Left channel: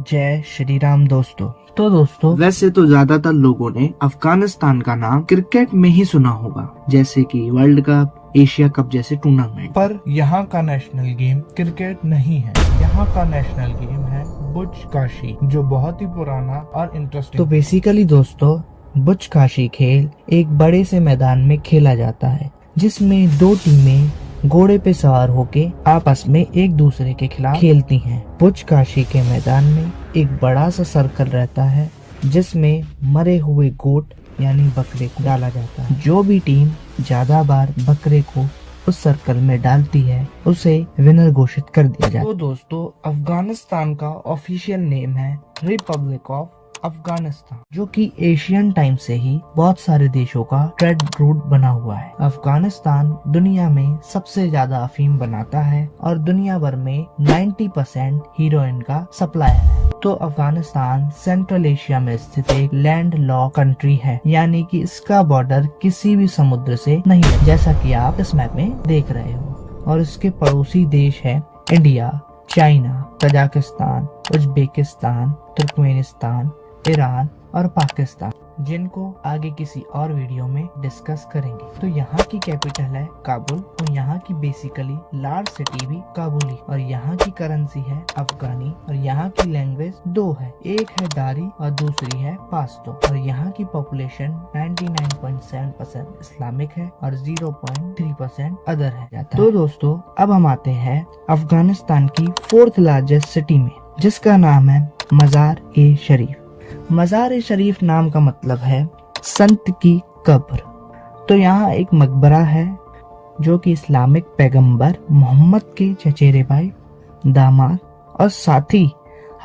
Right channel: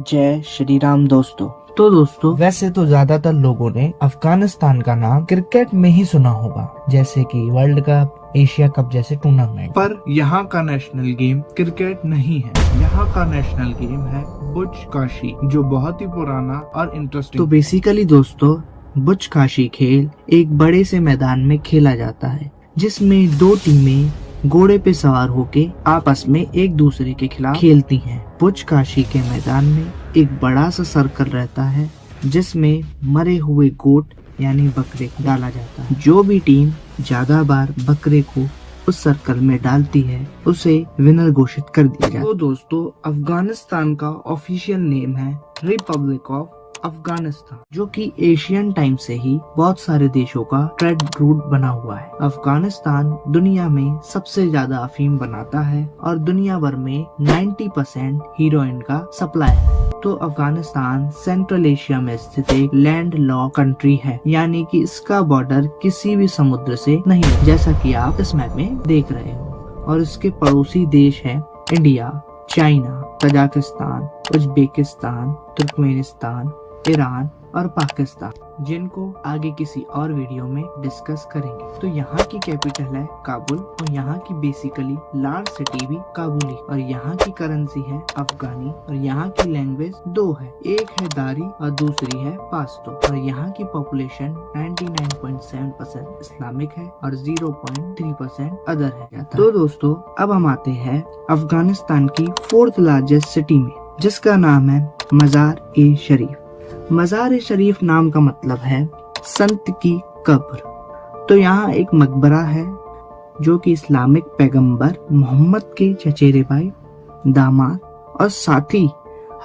जय श्री राम दोस्तों। तो दोस्तों, वैसे तो ज्यादातर लोगों ने अफगानिस्तान का नाम क्रिकेट में ही सुना होगा, जैसे कि वर्ल्ड कप, एशिया कप जैसे टूर्नामेंट। पर यहाँ का नेशनल गेम क्रिकेट नहीं है। यहाँ का नेशनल गेम है बुचकाशी, जो बहुत ही पुराना और इंटरेस्टिंग। तो बेसिकली दोस्तों, बुचकाशी खेल एक बड़े से मैदान में खेला जाता है, जिसमें दो टीमें घोड़े पे सवार होके आपस में एक दूसरे के खिलाफ खेलती हैं। बुचकाशी के मैदान में एक बड़ा सा सर्कल रहता है, जिसमें मरे हुए गोट यानी बकरे को डाला जाता है। जो भी टीम ज्यादा बार बकरे को उस सर्कल में डालती है, उसे विनर घोषित कर दिया जाता है। तो दोस्तों, अफगानिस्तान का ऑफिशियल नेम है रिपब्लिक ऑफ अफगानिस्तान, जो कि एशियन टाइम से ही बहुत सारे देशों का ट्रेड रूट बना हुआ है। अफगानिस्तान दुनिया में सबसे ज्यादा अफीम बनाता है और दुनिया भर में 90% हीरोइन का सप्लाई है। तो अफगानिस्तान सेंट्रल एशिया में स्थित एक लैंड लॉक कंट्री है, यानी कि इसका बॉर्डर किसी भी समुद्र से नहीं, जैसा कि आप इस मैप में देख रहे हो। और इसके पड़ोसी देश है India, China, Tajikistan, Uzbekistan, Turkmenistan, Iran और पाकिस्तान, जिनको आगे किसी और वीडियो में डिस्कस करेंगे। तो यहाँ की कैपिटल है काबुल, और यहाँ की बेसिकली लार्ज सिटी भी काबुल ही, और यहाँ की करेंसी है अफगानी, और यहाँ की लैंग्वेज दो है, एक है दारी और दूसरी है पाश्तो। और यहाँ की पॉपुलेशन 99.7% इस्लामिक है और 0.3% अदर है। तो दोस्तों, अब हम आते हैं अफगानिस्तान की 4th लार्जेस्ट सिटी में, जिसका नाम है मजार ए शरीफ। मजार ए शरीफ नाम का मतलब है संत की कब्र। तो यहाँ एक मकबरा है, जो कि इस्लामिक पैगंबर मोहम्मद के चचेरे भाई, दामाद और साथी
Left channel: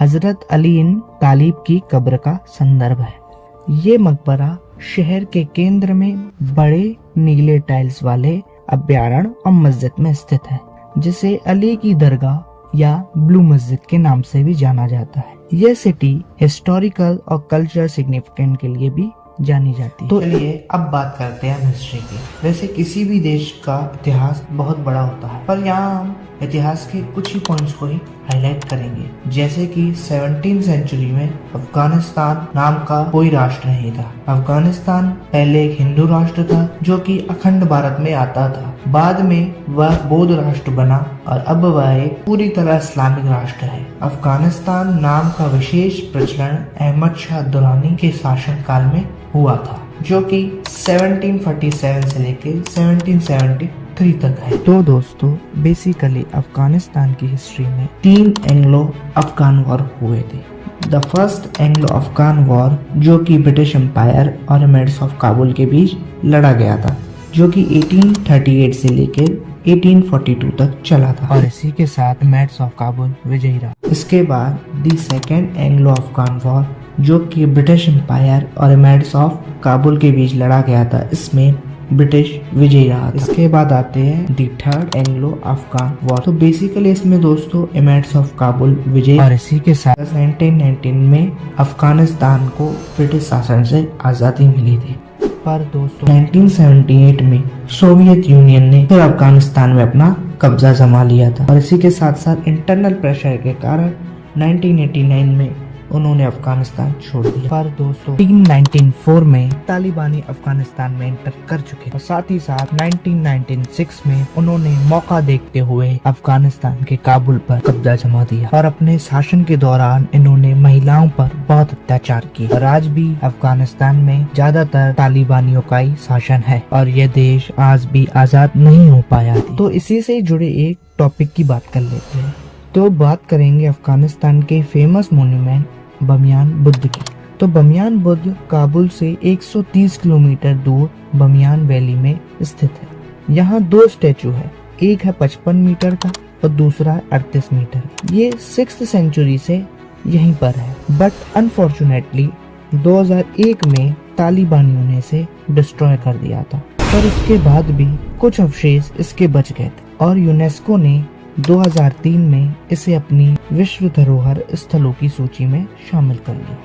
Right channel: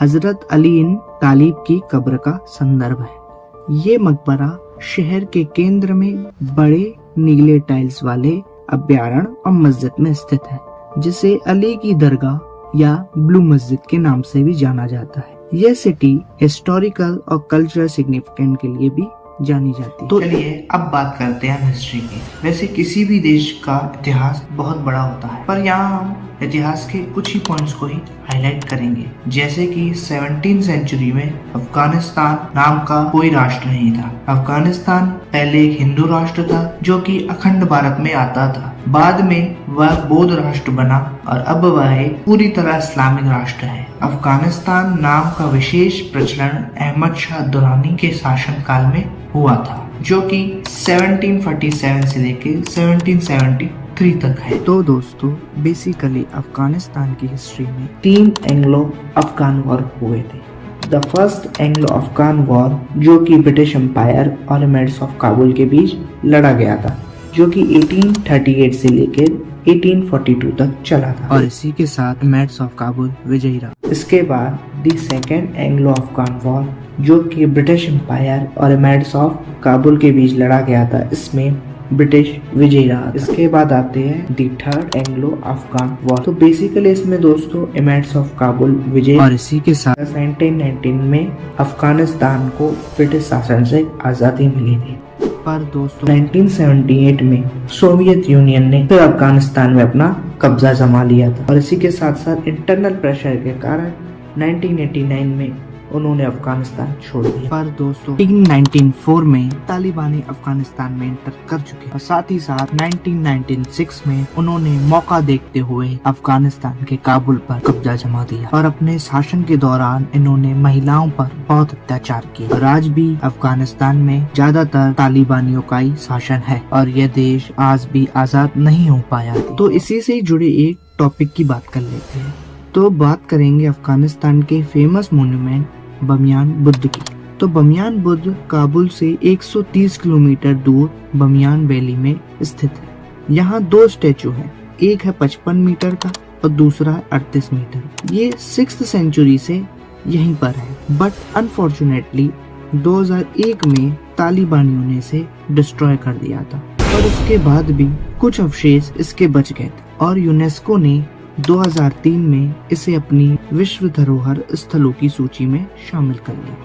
हजरत अली इन तालिब की कब्र का संदर्भ है। ये मकबरा शहर के केंद्र में बड़े नीले टाइल्स वाले अभ्यारण्य और मस्जिद में स्थित है, जिसे अली की दरगाह या ब्लू मस्जिद के नाम से भी जाना जाता है। यह सिटी हिस्टोरिकल और कल्चरल सिग्निफिकेंट के लिए भी जानी जाती है। तो चलिए अब बात करते हैं हिस्ट्री की। वैसे किसी भी देश का इतिहास बहुत बड़ा होता है, पर यहाँ हम इतिहास के कुछ ही पॉइंट्स को ही हाईलाइट करेंगे। जैसे कि 17वीं सेंचुरी में अफगानिस्तान नाम का कोई राष्ट्र नहीं था। अफगानिस्तान पहले एक हिंदू राष्ट्र था, जो कि अखंड भारत में आता था। बाद में वह बौद्ध राष्ट्र बना और अब वह एक पूरी तरह इस्लामिक राष्ट्र है। अफगानिस्तान नाम का विशेष प्रचलन अहमद शाह दुरानी के शासनकाल में हुआ था, जो कि 1747 से लेकर 1773 तक है। तो दोस्तों, बेसिकली अफगानिस्तान की हिस्ट्री में 3 एंग्लो अफगान वॉर हुए थे। The first Anglo Afghan war, जो कि ब्रिटिश एम्पायर और एमिरेट्स ऑफ काबुल के बीच लड़ा गया था, जो कि 1838 से लेकर 1842 तक चला था, और इसी के साथ एमिरेट्स ऑफ काबुल विजयी रहा। इसके बाद the second Anglo Afghan war, जो कि ब्रिटिश एम्पायर और एमिरेट्स ऑफ काबुल के बीच लड़ा गया था, इसमें ब्रिटिश विजयी रहा। इसके बाद आते हैं दी थर्ड एंग्लो अफगान वॉर। तो बेसिकली इसमें दोस्तों एमिरेट्स ऑफ काबुल विजय, और इसी के साथ 1919 में अफगानिस्तान को ब्रिटिश शासन से आजादी मिली थी। पर दोस्तों 1978 में सोवियत यूनियन ने फिर अफगानिस्तान में अपना कब्जा जमा लिया था, और इसी के साथ साथ इंटरनल प्रेशर के कारण 1989 में उन्होंने अफगानिस्तान छोड़ दिया। पर दोस्तों 1994 में तालिबानी अफगानिस्तान में एंटर कर चुके, और साथ ही साथ 1996 में उन्होंने मौका देखते हुए अफगानिस्तान के काबुल पर कब्जा जमा दिया, और अपने शासन के दौरान इन्होंने महिलाओं पर बहुत अत्याचार किए। और आज भी अफगानिस्तान में ज्यादातर तालिबानियों का ही शासन है, और यह देश आज भी आजाद नहीं हो पाया। तो इसी से जुड़े एक टॉपिक की बात कर लेते हैं। तो बात करेंगे अफगानिस्तान के फेमस मॉन्यूमेंट बमियान बुद्ध की। तो बमियान बुद्ध काबुल से 130 किलोमीटर दूर बमियान वैली में स्थित है। यहाँ 2 स्टैचू है, एक है 55 मीटर का और दूसरा 38 मीटर। ये 6th सेंचुरी से यहीं पर है, बट अनफॉर्चुनेटली 2001 में तालिबानियों ने इसे डिस्ट्रॉय कर दिया था। पर उसके बाद भी कुछ अवशेष इसके बच गए थे, और यूनेस्को ने 2003 में इसे अपनी विश्व धरोहर स्थलों की सूची में शामिल कर लिया।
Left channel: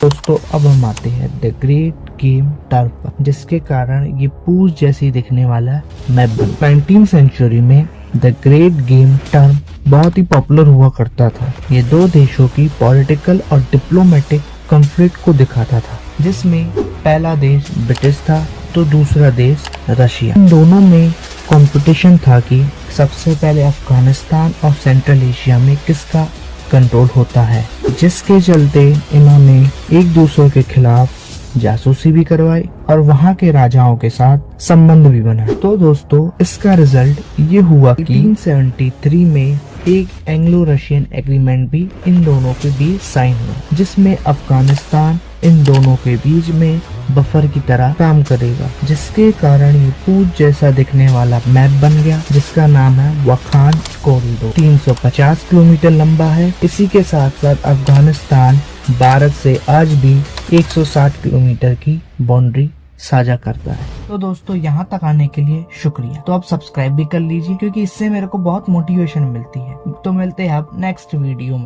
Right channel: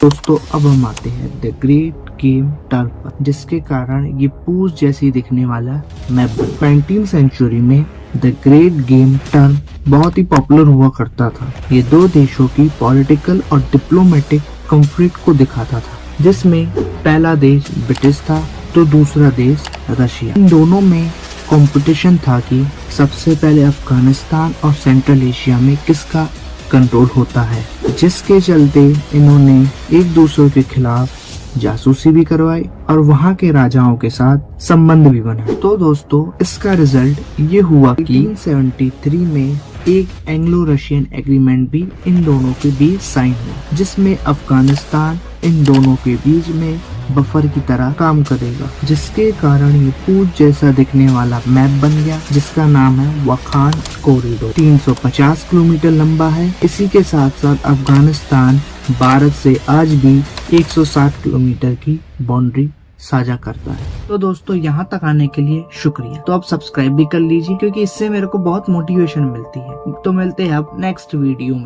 दोस्तों, अब हम आते हैं द ग्रेट गेम टर्फ, जिसके कारण ये पूंछ जैसी दिखने वाला मैप 19वीं सेंचुरी में द ग्रेट गेम टर्न बहुत ही पॉपुलर हुआ करता था। ये दो देशों की पॉलिटिकल और डिप्लोमेटिक कॉन्फ्लिक्ट को दिखाता था, जिसमें पहला देश ब्रिटिश था तो दूसरा देश रशिया। इन दोनों में कंपटीशन था कि सबसे पहले अफगानिस्तान और सेंट्रल एशिया में किसका कंट्रोल होता है, जिसके चलते इन्होंने एक दूसरे के खिलाफ जासूसी भी करवाई और वहाँ के राजाओं के साथ संबंध भी बनाए। तो दोस्तों इसका रिजल्ट ये हुआ कि 1873 में एक एंग्लो रशियन एग्रीमेंट भी इन दोनों के बीच साइन हुआ, जिसमें अफगानिस्तान इन दोनों के बीच में बफर की तरह काम करेगा, जिसके कारण ये पूत जैसा दिखने वाला मैप बन गया, जिसका नाम है वाखान कॉरिडोर। 350 किलोमीटर लंबा है। इसी के साथ साथ अफगानिस्तान भारत से आज भी 160 किलोमीटर की बाउंड्री साझा करता है। तो दोस्तों यहाँ तक आने के लिए शुक्रिया। तो आप सब्सक्राइब भी कर लीजिए, क्योंकि इससे मेरे को बहुत मोटिवेशन मिलती है। तो मिलते हैं आप नेक्स्ट वीडियो में।